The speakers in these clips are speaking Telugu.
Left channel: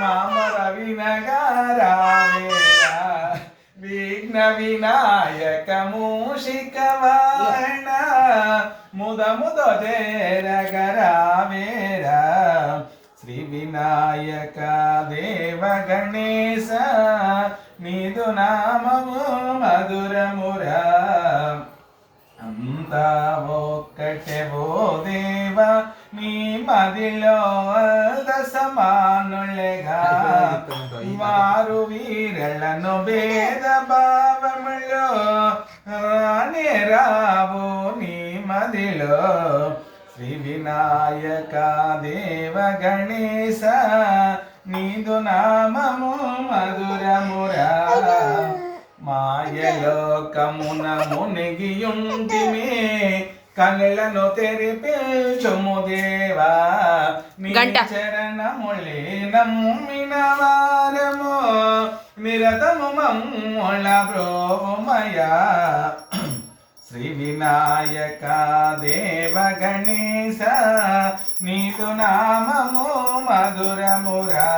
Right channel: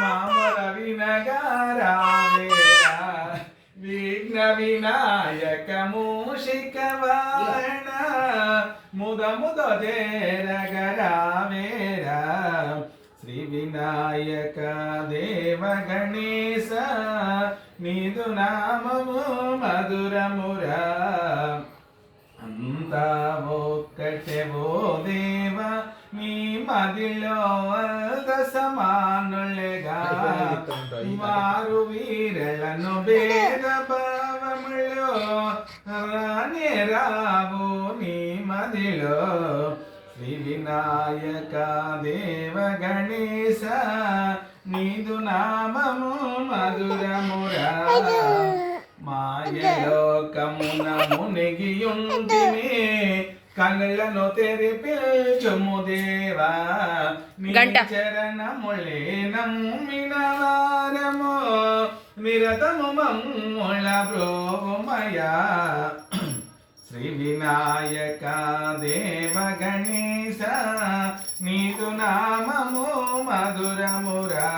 మామ వినగారావేరా విఘ్న వినాయక మూషికవాణ ముద ముద చేరగరావేరా శ్రీ వినాయక దేవ గణేశ నీదు నామము మధురమురా. అంతా ఒక్కటే ఓ దేవ నీ మదిలో దశమానులుగా వారు వీరలను భేద భావములో రానే రావు నీ మదిలో. శ్రీ వినాయక దేవ గణేశ నీదు నామము మధురమురా. మాయలోకమున మునిగియుంటిమే. కళ్ళను తెరిపించుము దేవా గంట. చరణములే నమ్మిన వారము. నిరతము మమ్ముల బ్రోమయా శ్రీ వినాయక దేవ గణేశ నీదు నామము మధురమురా.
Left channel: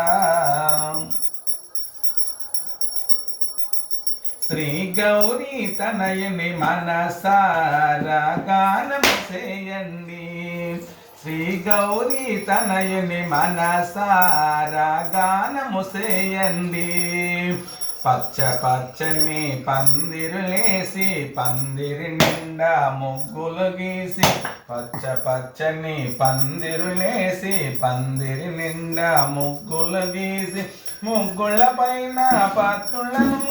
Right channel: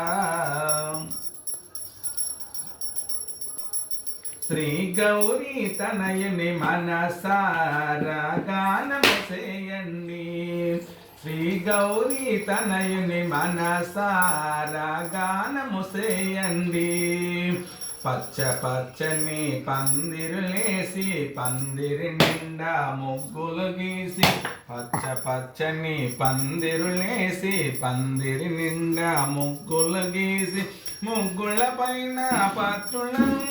శ్రీ గౌరీ తనయుని మనసారా గానము చేయండి. శ్రీ గౌరీ తనయుని మనసారా గానము చేయండి. పచ్చ పచ్చని పందిరులేసి పందిరి నిండా ముగ్గులు గీసి పచ్చ పచ్చని పందిరులేసి పందిరి నిండా ముగ్గులు గీసి ముగ్గుళ్ళ పైన పత్రులను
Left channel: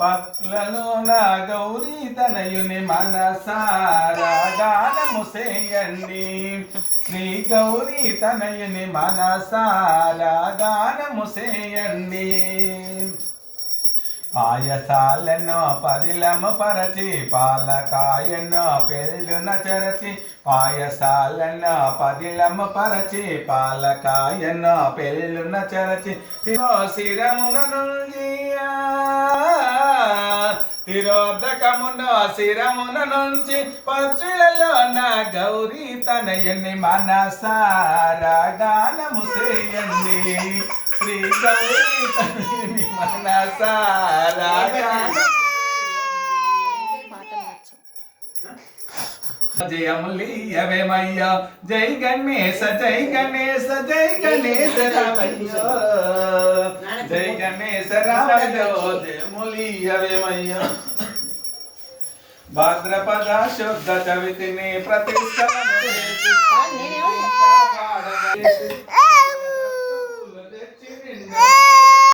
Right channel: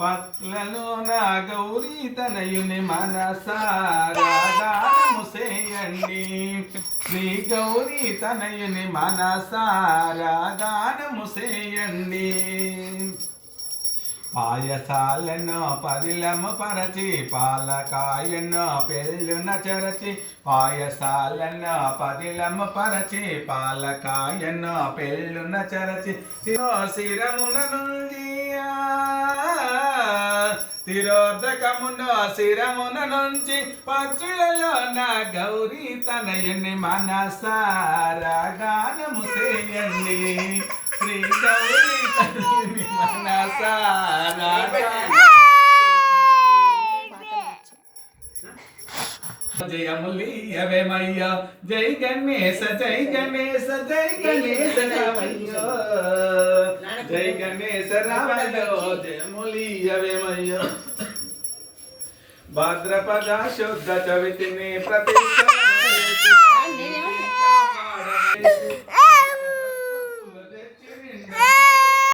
పట్లలో నా గౌరీ తనయుని మనసారాగానము చేయండి. శ్రీ గౌరీ తనయుని మనసారాగానము చేయండి. పాయసాలెన్నో పదిలము పరచి పాలకాయన్నో పెళ్ళున చెరచి పాయసాలెన్నో పదిలము పరచి పాలకాయన్నో పెళ్ళున చెరచి. శిరో శిరమున నుంజియా తిరోదకమున శిరమున నుంచి పక్షులలో నా గౌరీ తనయుని మనసారా గానము చేయండి. శ్రీ గౌరీ తనయుని జయములియవేమయ్య జై గణేశ జై గణేశ జై గణేశ రామయ్య జై గణేశ రామయ్య జయములియవేమయ్య భాద్రపద శుద్ధ చవితిని ప్రతిష్ట